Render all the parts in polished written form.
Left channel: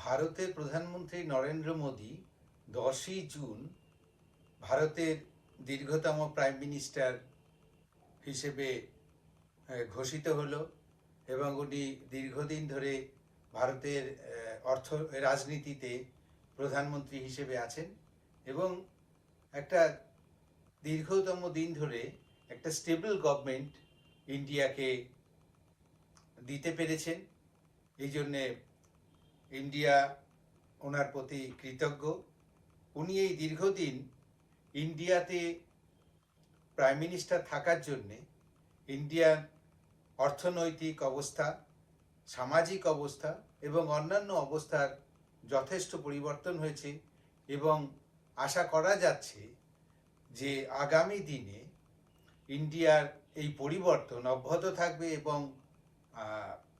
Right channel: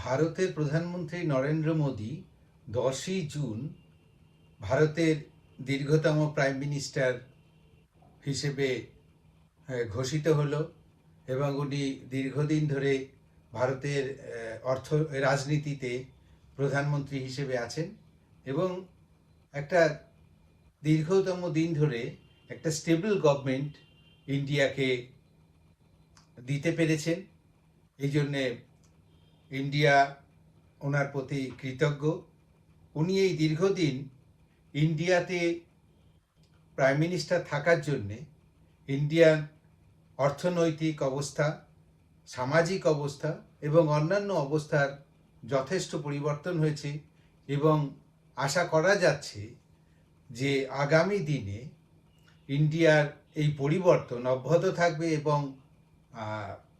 ভারতের প্রধানমন্ত্রী নরেন্দ্র মোদী 10ই জুন ভারতের দীর্ঘতম প্রাইম মিনিস্টার হিসেবে ঘোষিত হলো এবং উনি দীর্ঘদিন ধরে ভারতের অর্থ রাজনীতিতে প্রধানমন্ত্রী হিসেবে আছেন এবং একটা দীর্ঘতম দিন ধরে একটা স্টেবল গভর্নমেন্ট ইন্ডিয়াকে দিতে পেরেছেন। এই জন্যে ইন্ডিয়া ওনার প্রতি কৃতজ্ঞ। উনি এই দীর্ঘদিন ইন্ডিয়াতে প্রাইম মিনিস্টার থাকার জন্যে ইন্ডিয়ান অর্থনৈতিক অবস্থা, সামাজিক অবস্থা এবং অন্যান্য অবস্থার যথেষ্ট পরিবর্তন হয়েছে এবং আশা করা যাচ্ছে যে আগামী দিনে ইন্ডিয়ার এই পরিবর্তন অব্যাহত থাকবে এবং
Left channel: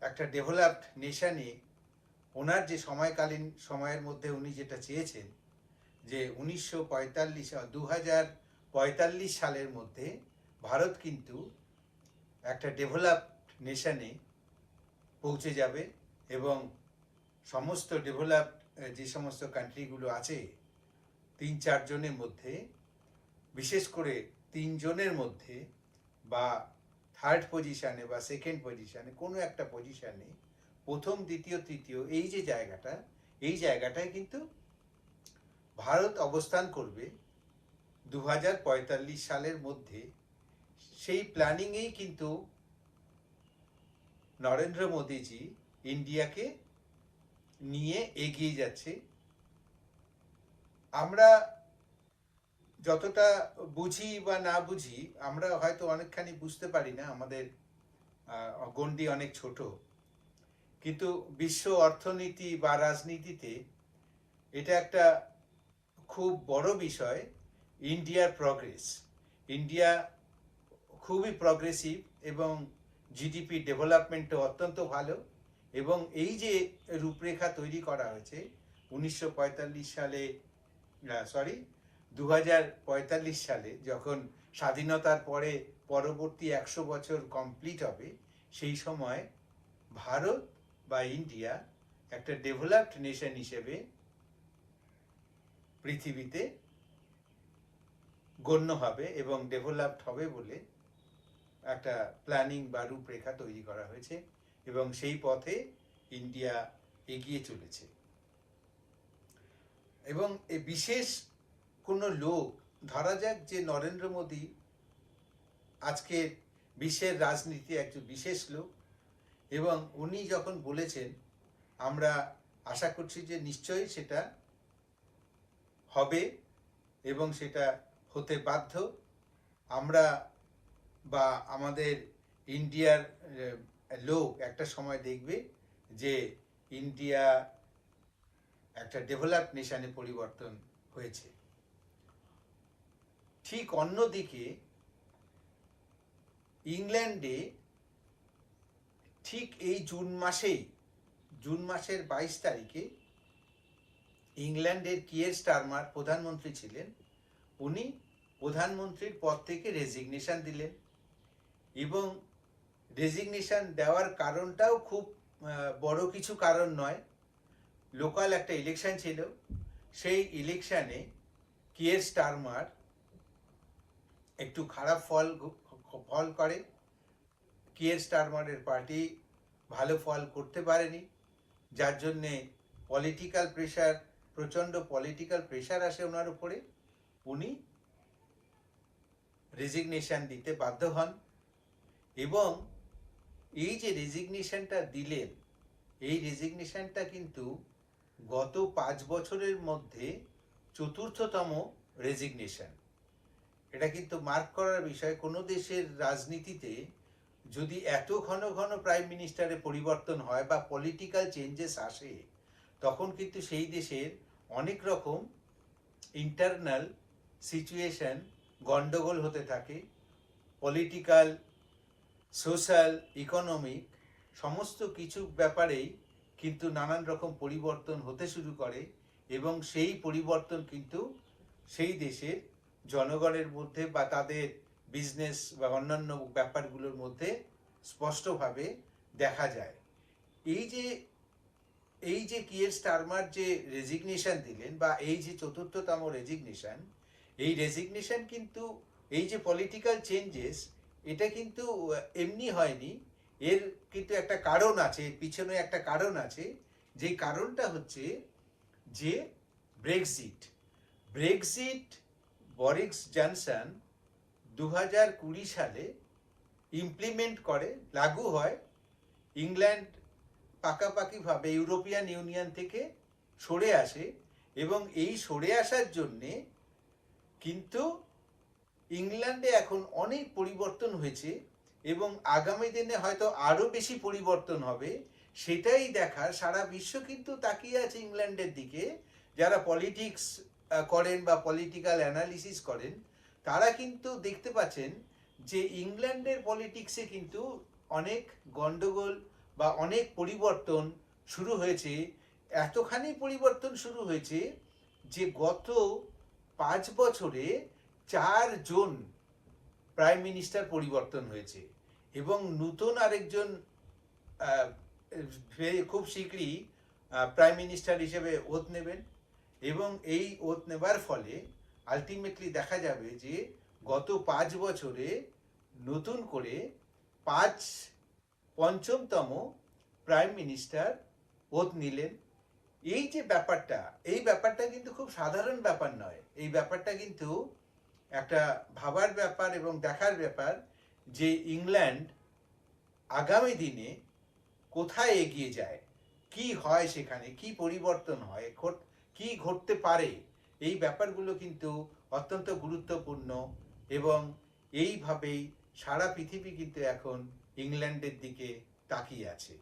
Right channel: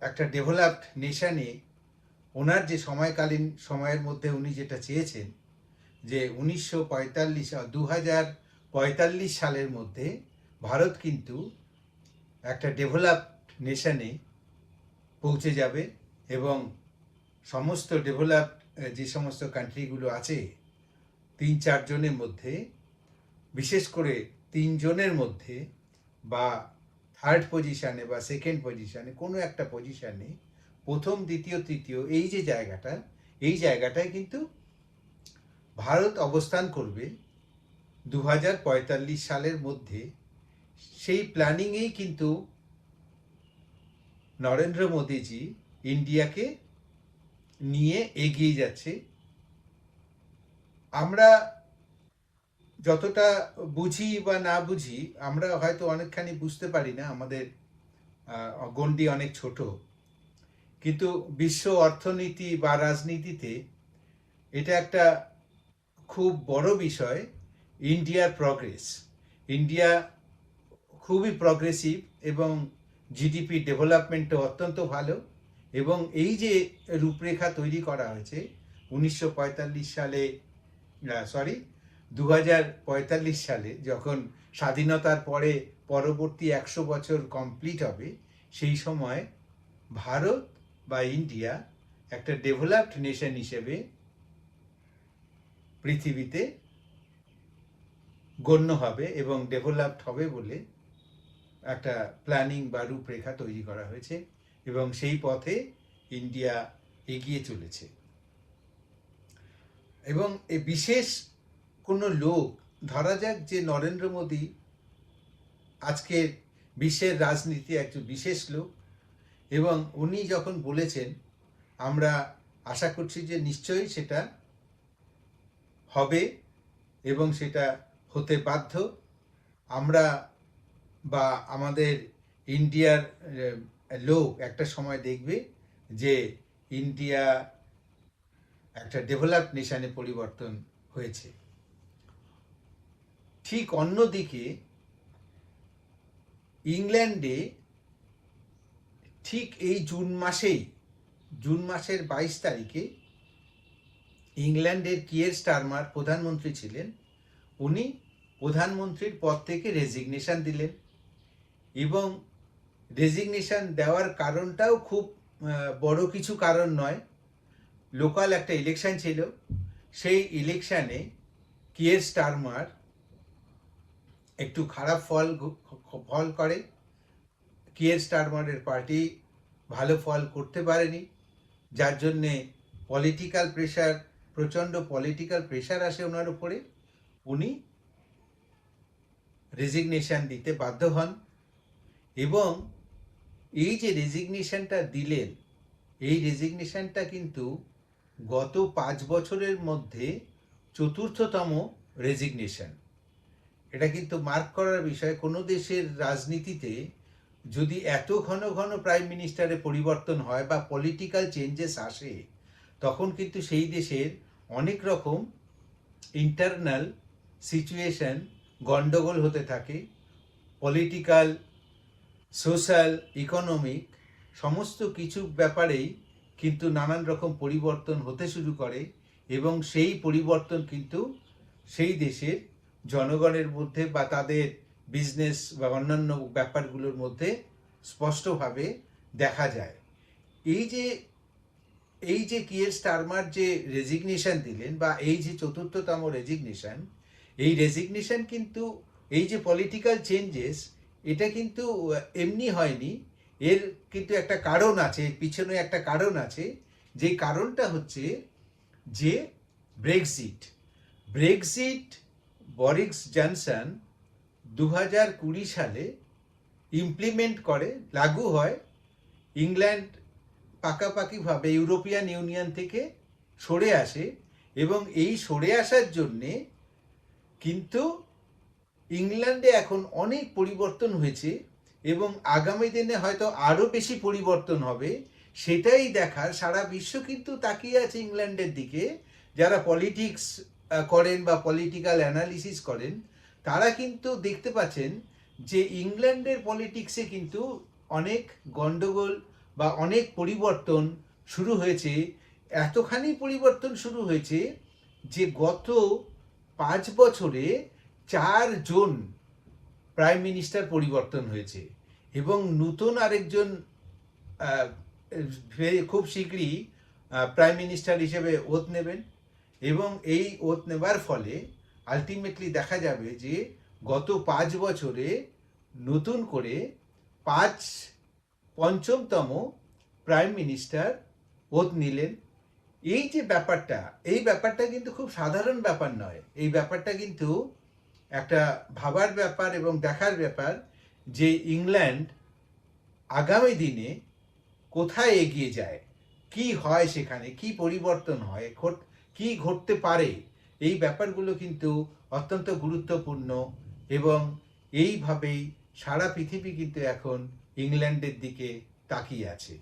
একটা ডেভেলপড নেশনে ওনার যে সময়কালীন সময়ের মধ্যে উনি যেটা চেয়েছেন যে 2045 সালের মধ্যে ভারত কিন্তু একটা ডেভেলপড নেশনে পৌঁছে যাবে এবং সমস্ত ডেভেলপড যে সমস্ত কান্ট্রিগুলো আছে 3-4 জনের মধ্যে, বিশেষ করে 3 জনের মধ্যে বা থার্ড পজিশানে বা সেকেন্ড পজিশানে কোনো একটা পজিশানে প্রথম, দ্বিতীয়, তৃতীয় এই যে জায়গাটা, এই জায়গাটায় কিন্তু ভারত অবস্থান করবে 2045 সালের মধ্যে। সেই প্ল্যানিংয়েই কিন্তু নরেন্দ্র মোদীজি ইন্ডিয়াকে নিয়ে এগিয়ে যাচ্ছে। আমরা যতটা বুঝি বা না বুঝি, আমরা হয়তো অনেকখানি বুঝতে পারি না, আমাদের গণ্ডি অনেক ছোট, কিন্তু বিশ্ব অর্থনীতি বা রাজনীতিতে এটা একটা খুব বড় বিষয়। ইন্ডিয়ার প্রগ্রেস, ইন্ডিয়া খুবই প্রগ্রেসিভ এবং জিডিপি ডেভেলপমেন্টও অত্যন্ত ভালো এবং এই যে রূপরেখা তৈরি করা হয়েছে 1945 সালে, 2045 সালে যখন স্বাধীনতার পরে পরবর্তী 100 বছর কমপ্লিট হবে, সেই সময় ভারত বা ইন্ডিয়া একটা ডেভেলপড নেশন হিসেবে পৃথিবীতে গণ্য হবে এবং ডেভেলপড হবে বলে একটা প্ল্যানিং বা রূপরেখা তৈরি করা হয়েছে এবং সেই পথে ইন্ডিয়া এগিয়ে চলেছে। এবং এই বিশেষ কোনো লোক, ধরা যাক যে নরেন্দ্র মোদী আজকের বিশ্বের রাজনীতি একজন বিশেষ লোক এবং উনি যখন বলেছেন, আমরা আশা করছি যে নিশ্চয়ই সেটা হবে এবং সেটা হতে বাধ্য। আমরা বা আমাদের ইন্ডিয়ার লোক একটা সময় দেখবে যে ইন্ডিয়া একটা ডেভেলপড নেশনে পরিবর্তন হয়েছে। ঠিক অন্যদিকে ইংল্যান্ডে ঠিক এই জুন মাসের 22 তারিখে ইংল্যান্ডের কিয়ের স্টারমার প্রধানমন্ত্রী ছিলেন। উনি প্রধানমন্ত্রীর পদ থেকে রেজিগনেশন দিলেন এবং রেজিগনেশন দেওয়ার কারণটাও খুব বড় কিছু কারণ নয়। লোকাল একটা ইলেকশন ছিল, সেই ইলেকশানে কিয়ের স্টারমার একটু খারাপ ফল করে। কিয়ের স্টারমারের পার্টি ভালো ফল করতে পারেনি, যার জন্যে প্রচণ্ড পলিটিক্যাল প্রেশার আসে ওনার উপরে। উনি রেজিগনেশন দিতে বাধ্য হন এবং এই যে রেজিগনেশনটা দিলেন, এই রেজিগনেশনটা কিন্তু গত 5 বছরের মধ্যে চতুর্থতম রেজিগনেশন। এটা কিন্তু মার্ক করার বিষয়। কোনো দেশের রাজনীতিতে যদি এত ঘন ঘন প্রাইম মিনিস্টারে পরিবর্তন হয় বা পলিটিক্যাল চেঞ্জেস আসে, তখন কিন্তু সেই দেশের অনেক রকম ইন্টারনাল সিচুয়েশন গন্ডগোল হতে থাকে। পলিটিক্যাল, সোশ্যাল, ইকোনমিক সমস্ত কিছু ব্যাপারেই কিন্তু নানান রকম পরিবর্তন হতে শুরু করে এবং সেই পরিবর্তন কিন্তু সেই দেশের জনগণের মধ্যে বা তাদের বিজনেস বা অন্যান্য ব্যাপারগুলোর মধ্যে স্পষ্টভাবে দেখা যায়। এই যে এই যে কিয়ের স্টারমার যে রেজিগনেশন দিলেন, বা এই যে চতুর্থতম রেজিগনেশন, এই রেজিগনেশন কিন্তু, এই যে পলিটিক্যাল চেঞ্জেস, এটা কিন্তু এমনি হয়নি। এর কিন্তু একটা কারণ আছে, এর পিছনে একটা কারণ আছে। যে কারণটা হচ্ছে যে ব্রেক্সিট। ব্রেক্সিট বরিস জনসন 2020 সালে ইমপ্লিমেন্ট করে, লাগু হয়। ইংল্যান্ড পাকাপাকিভাবে ইউরোপিয়ান ইউনিয়ন থেকে সরে আসে, এবং এই সরে আসার জন্যে কিন্তু ইংল্যান্ডে এখন অনেক পরিবর্তন হয়েছে, এবং আগামী দিনে হয়তো আরও বেশি পরিবর্তন হবে। সেটাই দেখার, সারা বিশ্ব কিন্তু তাকিয়ে আছে ইংল্যান্ডের দিকে। যারা পলিটিক্স করেন বা পলিটিক্যাল অ্যানালিসিস করেন, তারা কিন্তু দেখতে পাচ্ছেন যে ইংল্যান্ডের পলিটিক্সে কিন্তু অনেক গন্ডগোল বা অনেক পরিবর্তন শুরু হয়েছে। এতখানি পরিবর্তন শুরু হয়েছে যে গত 5 বছরে 4 জন প্রাইম মিনিস্টার পরিবর্তন হয়েছে, এবং নতুন আরেকজন আহ, খুব শীঘ্রই প্রাইম মিনিস্টার হিসেবে ওথ নেবেন। এবং এই ওথ নেবার ফলে আলটিমেটলি দেখা যাবে যে গত 5 বছরে নতুন করে পাঁচ পঞ্চমতম প্রাইম মিনিস্টার ওথ নিলেন। এই যে ব্যাপারটা, এই ব্যাপারটা কিন্তু খুব সাধারণ ব্যাপার নয়। এই ব্যাপারটা কিন্তু একটা ভাবার ব্যাপার এবং দেখার ব্যাপার যে ইংল্যান্ড আগামী দিনে কোথায় এগিয়ে যায়, কি হয়, সেখানে কি পরিবর্তন হয়, কি ঘটতে পারে। এই ব্যাপারগুলো কিন্তু অত্যন্ত গুরুত্বপূর্ণ, এবং এইভাবেই সারা পৃথিবী কিন্তু এখন ইংল্যান্ডের দিকে তাকিয়ে আছে।